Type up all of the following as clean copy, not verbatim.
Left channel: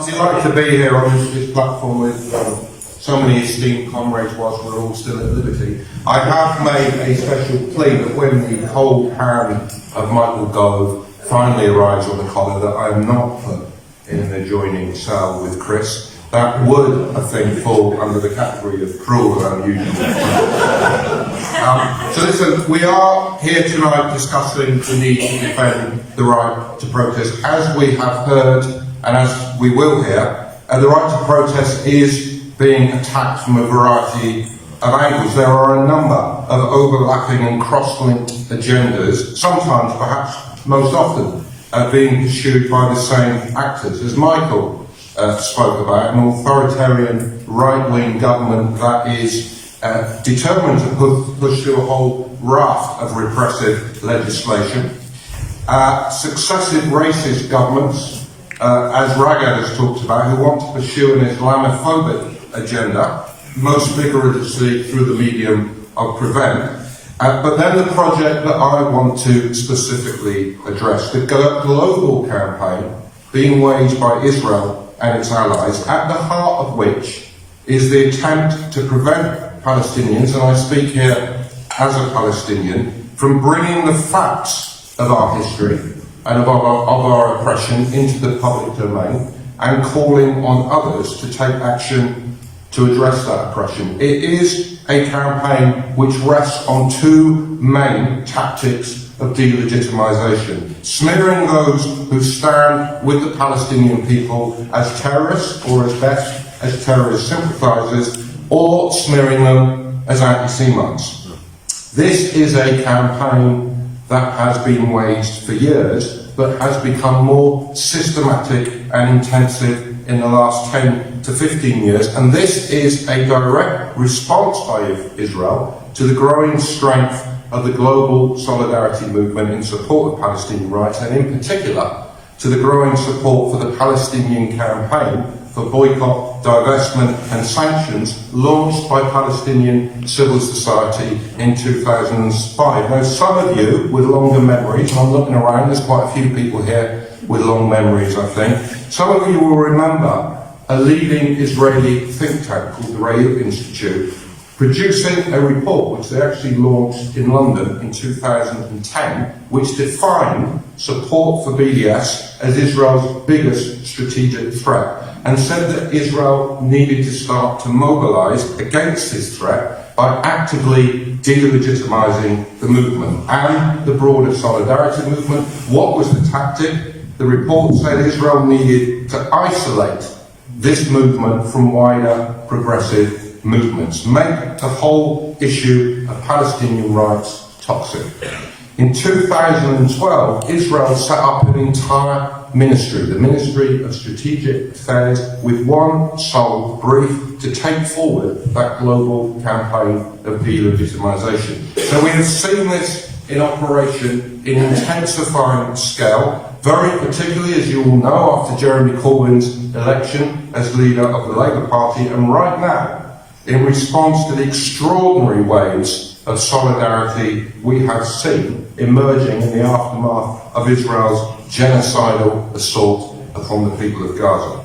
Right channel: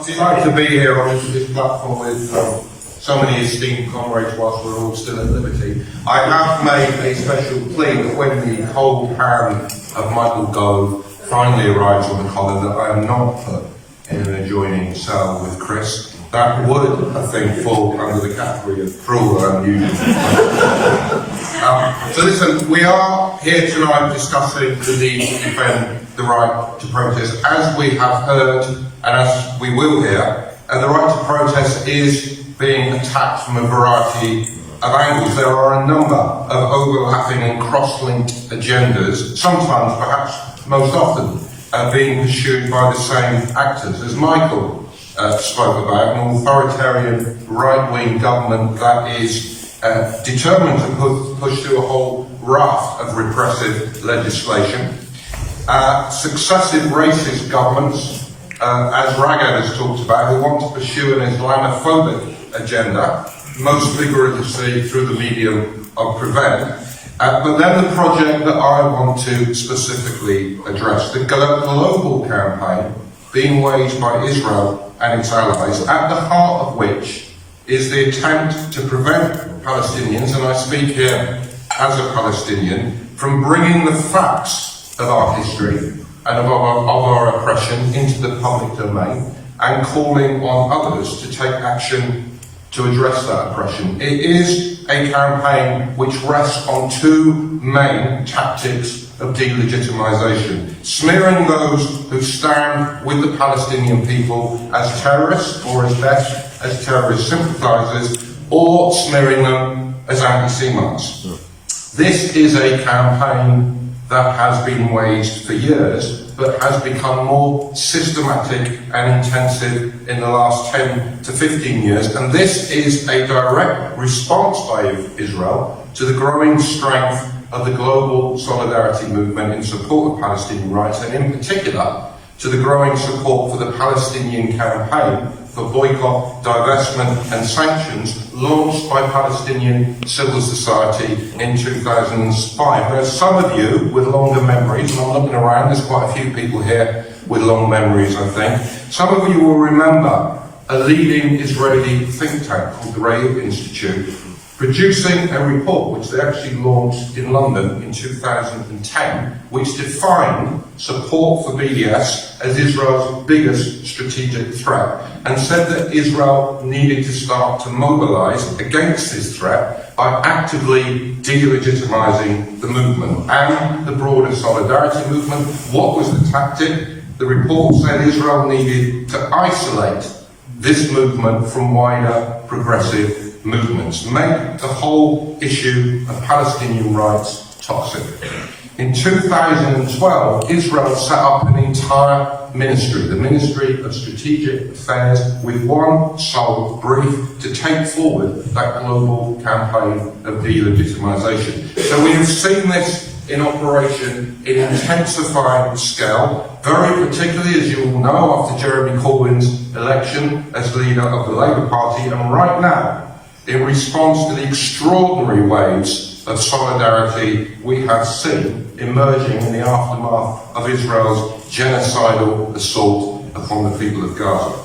I'd like to be here on this platform with so many esteemed comrades whilst we're all still at liberty. I have made a special plea that when the cold hand of Michael Gove finally arrives on the collar, that I am not put in an adjoining cell with Chris. That would, I think, fall under the category of cruel or unusual. So listen, we are here tonight discussing the need to defend the right to protest. As we have heard, and as we will hear, the right to protest is being attacked from a variety of angles. There are a number of overlapping and cross-linked agendas, sometimes, perhaps most often, being pursued by the same actors. As Michael spoke about, an authoritarian right-wing government that is determined to push through a whole raft of repressive legislation. Successive racist governments, as Ragad has talked about, who want to pursue an Islamophobic agenda, most vigorously through the medium of prevent. But then the project that I want to specifically address, the global campaign being waged by Israel and its allies, at the heart of which is the attempt to prevent Palestinians, and I speak here as a Palestinian, from bringing the facts of our history and of our oppression into the public domain and calling on others to take action to address that oppression. It is a campaign which rests on two main tactics of delegitimisation: smearing those who stand with the Palestinian people as terrorists, or as best as terrorist sympathisers, or smearing them as anti-Semites. This is a campaign that has been waged for years, but has become more systematic and intensive in the last 10 to 15 years, and this is a direct response by Israel to the growing strength of the global solidarity movement in support of Palestinian rights, and in particular to the growing support for the Palestinian campaign for boycott, divestment and sanctions launched by Palestinian civil society in 2005. Now, some of you with longer memories, I'm looking around, there's quite a few people here with long memories, I think. Some of you will remember a leading Israeli think tank called the Re'ut Institute producing a report which they actually launched in London in 2010, which defined support for BDS as Israel's biggest strategic threat, and said that Israel needed to start to mobilise against this threat by actively delegitimising the movement and the broader solidarity movement. What was the tactic? The report said Israel needed to isolate this movement from wider progressive movements, make the whole issue of Palestinian rights toxic. In 2012, Israel set up an entire ministry, the Ministry of Strategic Affairs, with one sole brief: to take forward that global campaign of delegitimisation. So we have seen this in operation in intensifying scale, very particularly, as you all know, after Jeremy Corbyn's election as leader of the Labour Party, and right now, in response to the extraordinary waves of solidarity we have seen emerging in the aftermath of Israel's genocidal assault upon the people of Gaza.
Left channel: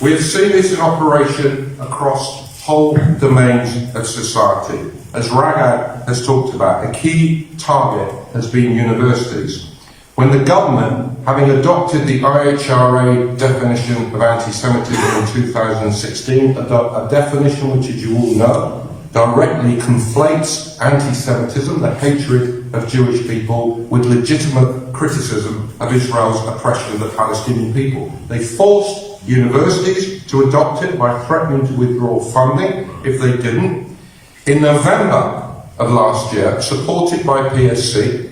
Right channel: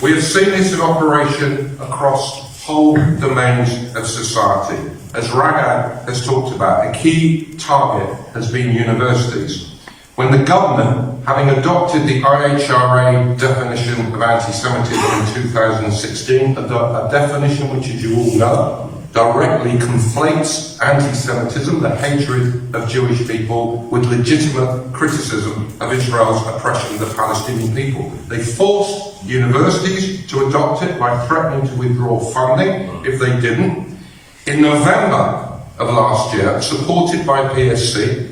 We have seen this in operation across whole domains of society. As Ragad has talked about, a key target has been universities. When the government, having adopted the IHRA definition of anti-Semitism in 2016, a definition which, as you all know, directly conflates anti-Semitism, the hatred of Jewish people, with legitimate criticism of Israel's oppression of the Palestinian people. They forced universities to adopt it by threatening to withdraw funding if they didn't. In November of last year, supported by PSC,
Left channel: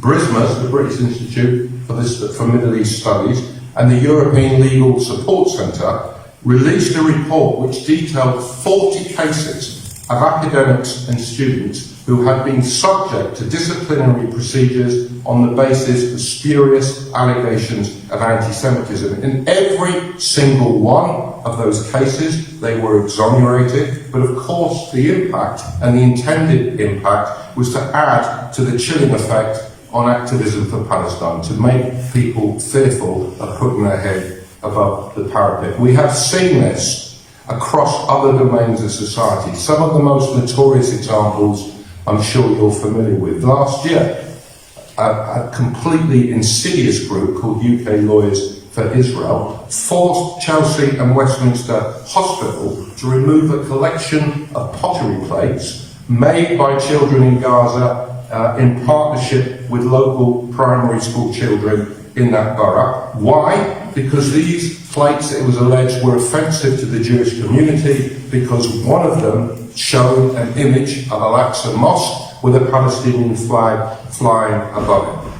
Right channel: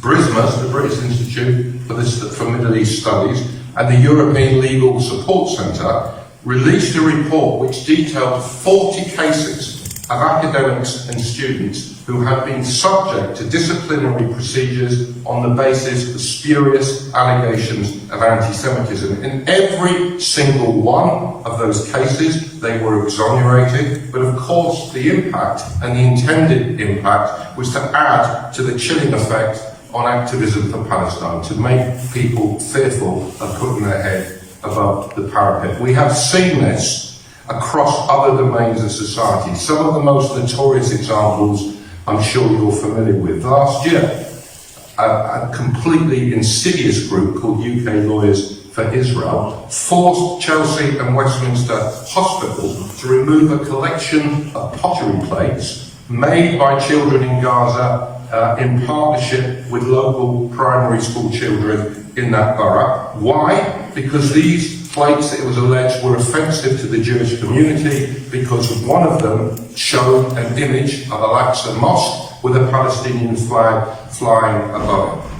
BRISMAS, the British Institute for Middle East Studies, and the European Legal Support Centre released a report which detailed 40 cases of academics and students who have been subject to disciplinary procedures on the basis of spurious allegations of anti-Semitism. In every single one of those cases, they were exonerated, but of course the impact and the intended impact was to add to the chilling effect on activism for Palestine, to make people fearful of putting their head above the parapet. We have seen this across other domains of society. Some of the most notorious examples I'm sure you're familiar with. Last year, a completely insidious group called UK Lawyers for Israel forced Chelsea and Westminster Hospital to remove a collection of pottery plates made by children in Gaza in partnership with local primary school children in that borough. Why? Because these plates, it was alleged, were offensive to the Jewish community because one of them showed an image of Al-Aqsa Mosque with a Palestinian flag flying above it.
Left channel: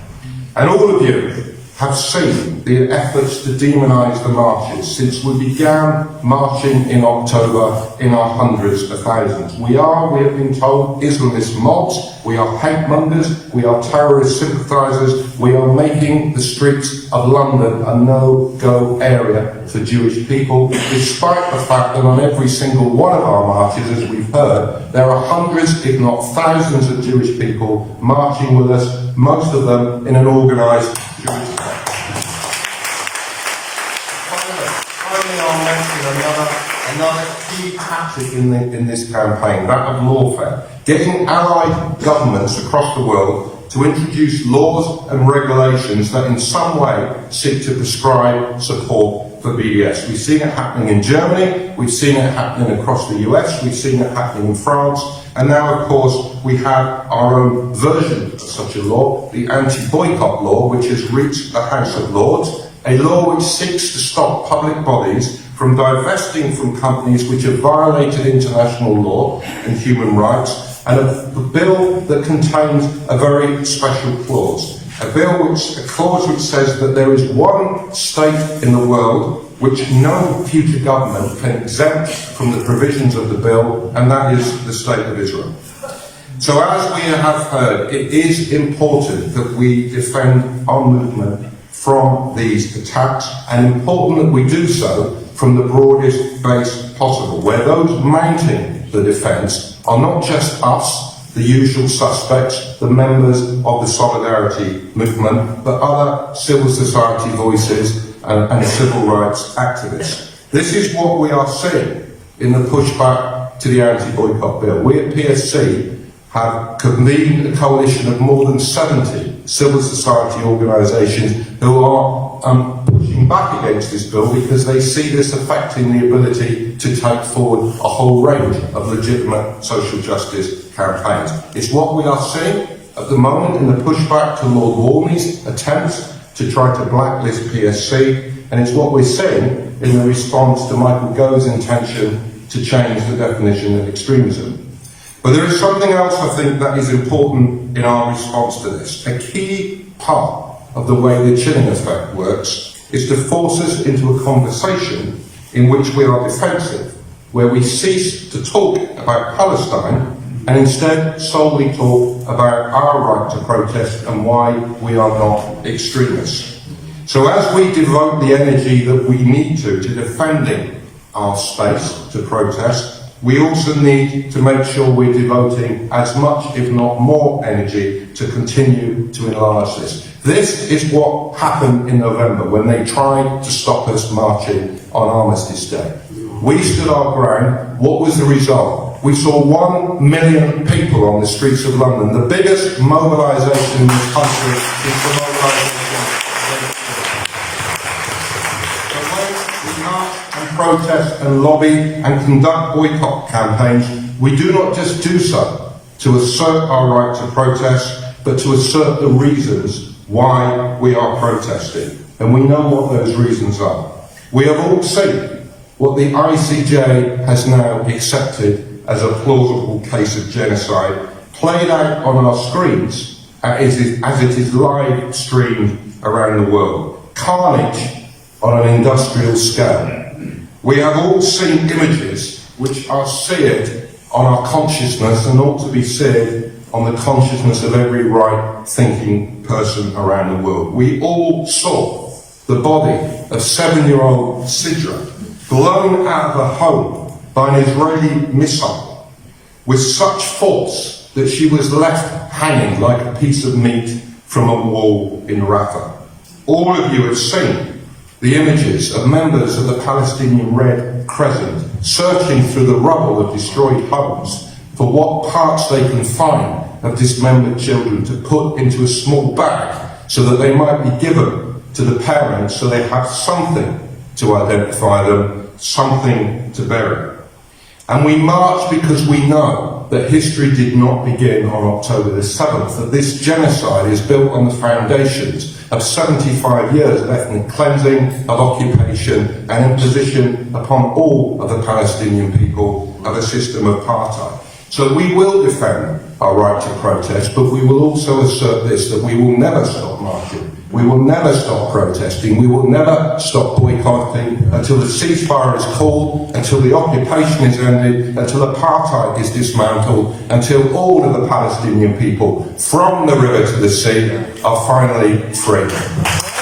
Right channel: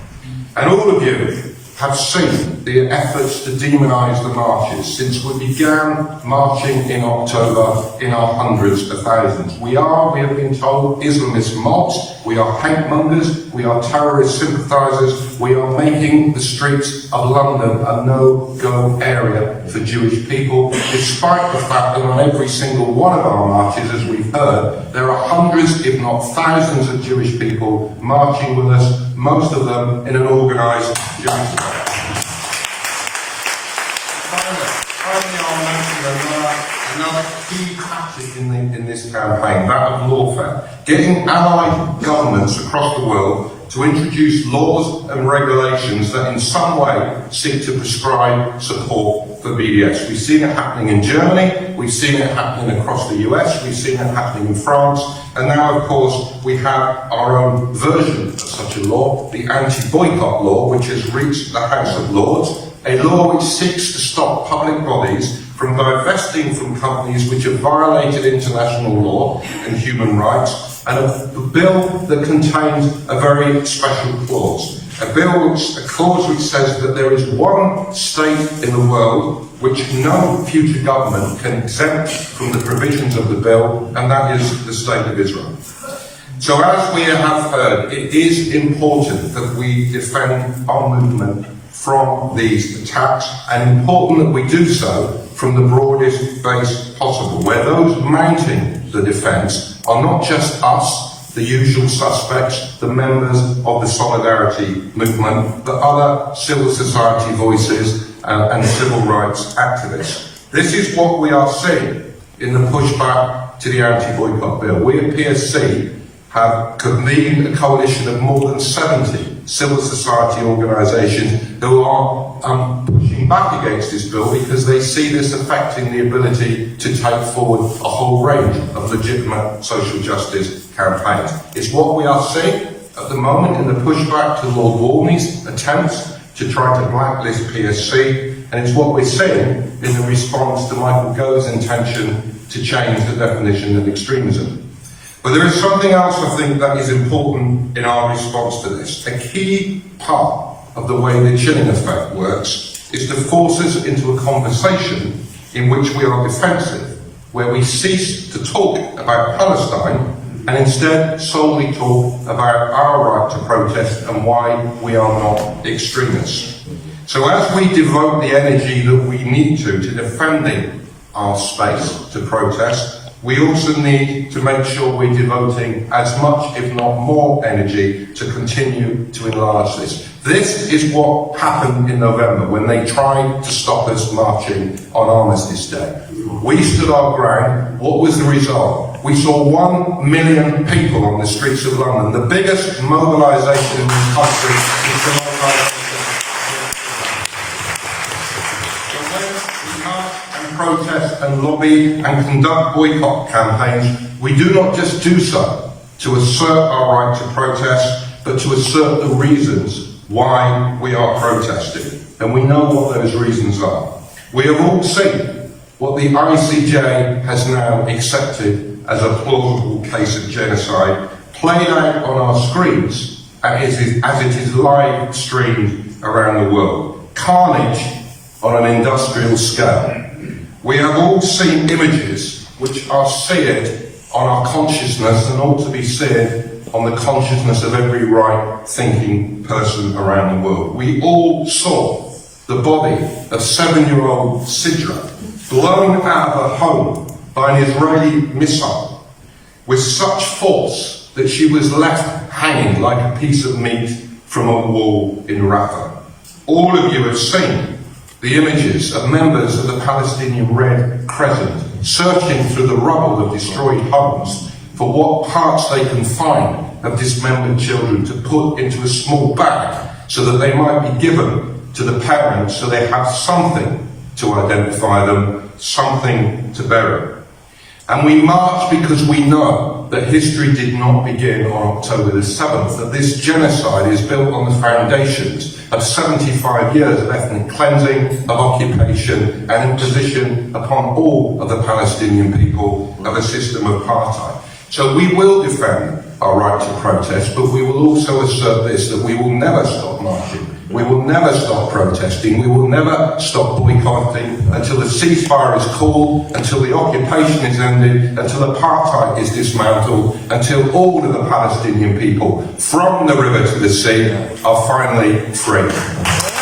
And all of you have seen the efforts to demonise the marches since we began marching in October in our hundreds of thousands. We have been told, Islamist mobs, we are hate mongers, we are terrorist sympathisers, we are making the streets of London a no-go area for Jewish people, despite the fact that on every single one of our marches, as we've heard, there are hundreds, if not thousands of Jewish people marching with us, most of them in an organised Jewish. Finally, I'll mention another key tactic in this campaign, that of lawfare. Getting allied governments across the world to introduce laws and regulations that in some way seek to prescribe support for BDS. We've seen it happening in Germany, we've seen it happening across the US, we've seen it happening in France, and now of course we have our own version of such a law, the anti-boycott law, which has reached the House of Lords, a law which seeks to stop public bodies from divesting from companies which have violated international law and human rights, and a bill that contains a very special clause. A clause which says that there is one state in the world which no future government can exempt from the provisions of the bill, and that is the State of Israel. So as we have heard, it is important that we defend our movement from these attacks, and important that we do so from the broadest base possible, where those mounting the defence are not just us, the usual suspects, the members of the Solidarity movement, but other civil society voices and civil rights activists. This is what we are seeing in the pushback to the anti-boycott bill. We at PSC have convened a coalition of more than 70 civil society organisations who are pushing back against this bill because they see this affecting the ability to take forward a whole range of legitimate social justice campaigns. It's what we are seeing at the moment in the pushback to Lord Walmey's attempts to try to blacklist PSC, and it's what we're seeing in the response to Michael Gove's intention to change the definition of extremism. But there is something else I think that is important in our response to this. A key part of the way the chilling effect works is to force us into a conversation in which we are defensive, where we cease to talk about Palestine and instead solely talk about our right to protest and why we are not extremists. So as we devote the energy that we need to defending our space to protest, we also need to make sure we're devoting as much, if not more, energy to continue to enlarge this. This is what happened in November when they tried to stop us marching on Armistice Day. We stood our ground. What was the result? We saw 1 million people on the streets of London, the biggest mobilisation in this country since the mobilisation. Protest and lobby and conduct boycott campaigns, we do not just do so to assert our right to protest, but to assert the reasons why we are protesting. And we know what those reasons are. We have all seen what the ICJ has now accepted as a plausible case of genocide, played out on our screens as it is live streamed around the world. Carnage on an industrial scale. We have all seen images which are seared on our consciousness and ought to be seared on the consciousness of every right-thinking person around the world. We all saw the body of 7-year-old Sidra blown out of her home by an Israeli missile with such force that she was left hanging like a piece of meat from a wall in Rafah. All of you have seen the images of members of the Palestinian Red Crescent searching through the rubble of destroyed homes for what parts they can find of dismembered children to put into a small bag so that they might be given to the parents so they have something to identify them, something to bury. And we march because we know that history did not begin on October the 7th, that this genocide is built on the foundations of 75 years of ethnic cleansing, of occupation and imposition upon all of the Palestinian people of a system of apartheid. So we will defend our right to protest, but we will also assert this, that we will never stop marching. We will never stop protesting. We will never stop boycotting until the ceasefire is called, until the occupation is ended, until apartheid is dismantled, until all of the Palestinian people, from the river to the sea, are finally free.